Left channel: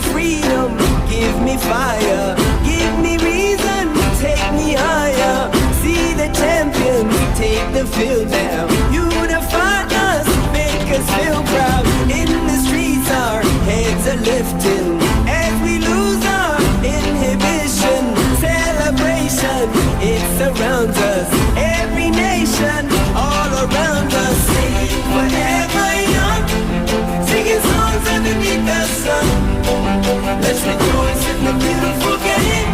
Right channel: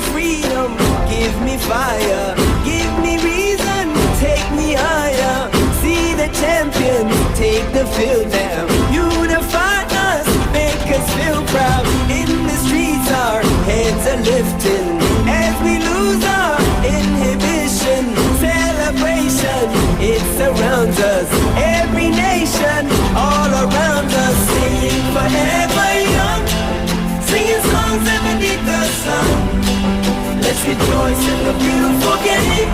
freedom, give me fire, give me reason, take me higher. See the champions take the field now. Unify us, make us feel proud. In the streets our heads are lifting as we lose our inhibition. Celebration, it surrounds us. Every nation, all around us. Sing forever young, singing songs underneath the sun. Let's rejoice in the beautiful game,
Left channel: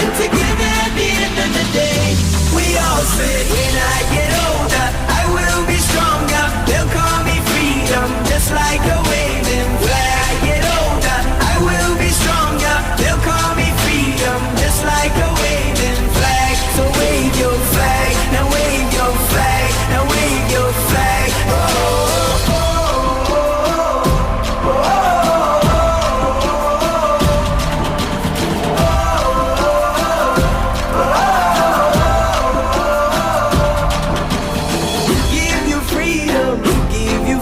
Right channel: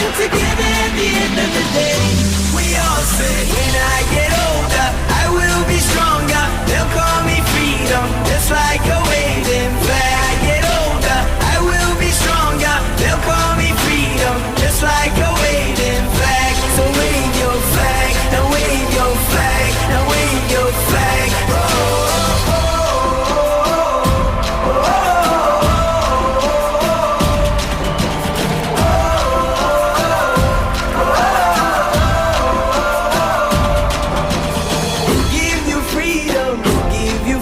and together at the end of the day, we all say, when I get older, I will be stronger. They'll call me freedom, just like a waving flag. I get older, I will be stronger. They'll call me freedom, just like a waving flag. So wave your flag, now wave your flag, now wave your flag. Oh, oh, oh, oh, oh.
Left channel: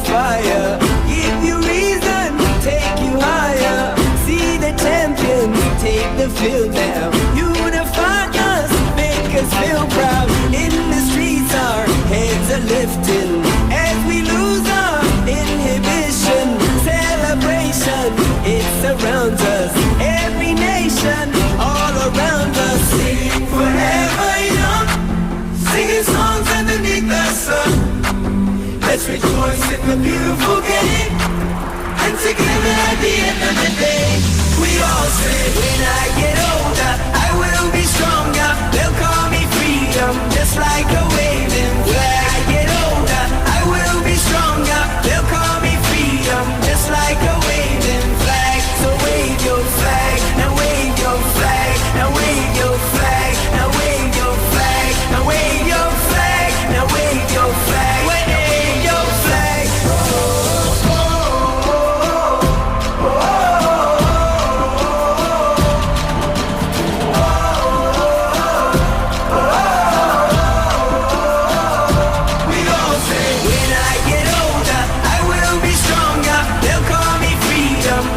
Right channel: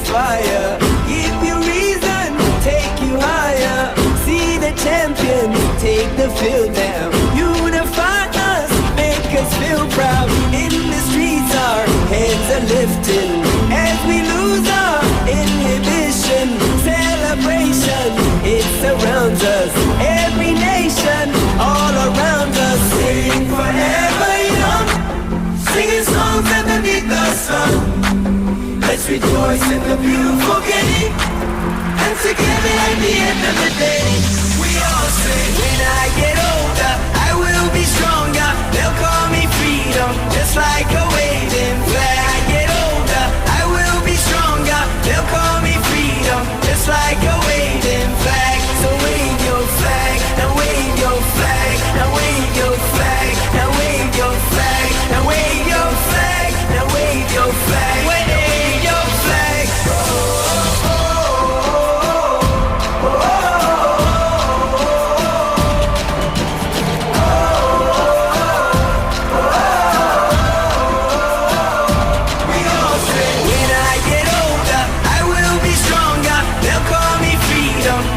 Fire, give you reason, take you higher. See the champions take the field now. Unify us, make us feel proud. In the streets our heads are lifting as we lose our inhibition. Celebration, it surrounds us. Every nation, all around us. Sing forever young, singing songs underneath the sun. Let's rejoice in the beautiful game, and together at the end of the day, we all say, when I get older, I will be stronger. They'll call me freedom, just like a waving flag. I get older, I will be stronger. They'll call me freedom, just like a waving flag. So wave your flag, now wave your flag, now wave your flag, now wave your flag, now wave your flag, now wave your flag.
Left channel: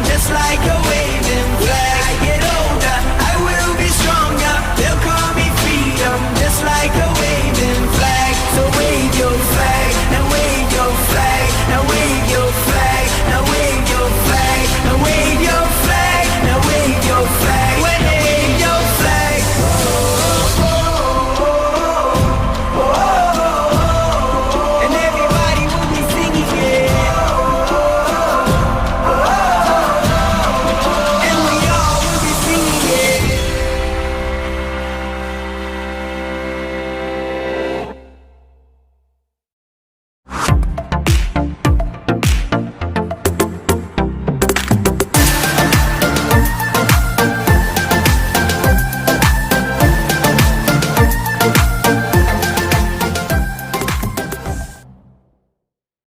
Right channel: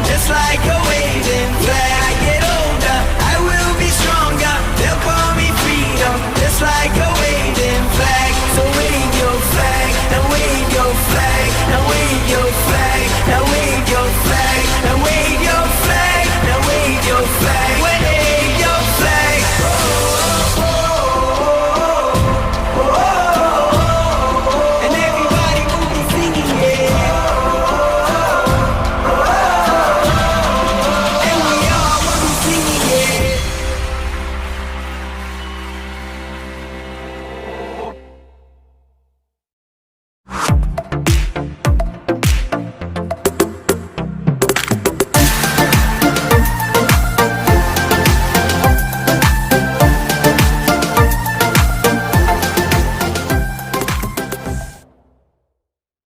Just like a wave.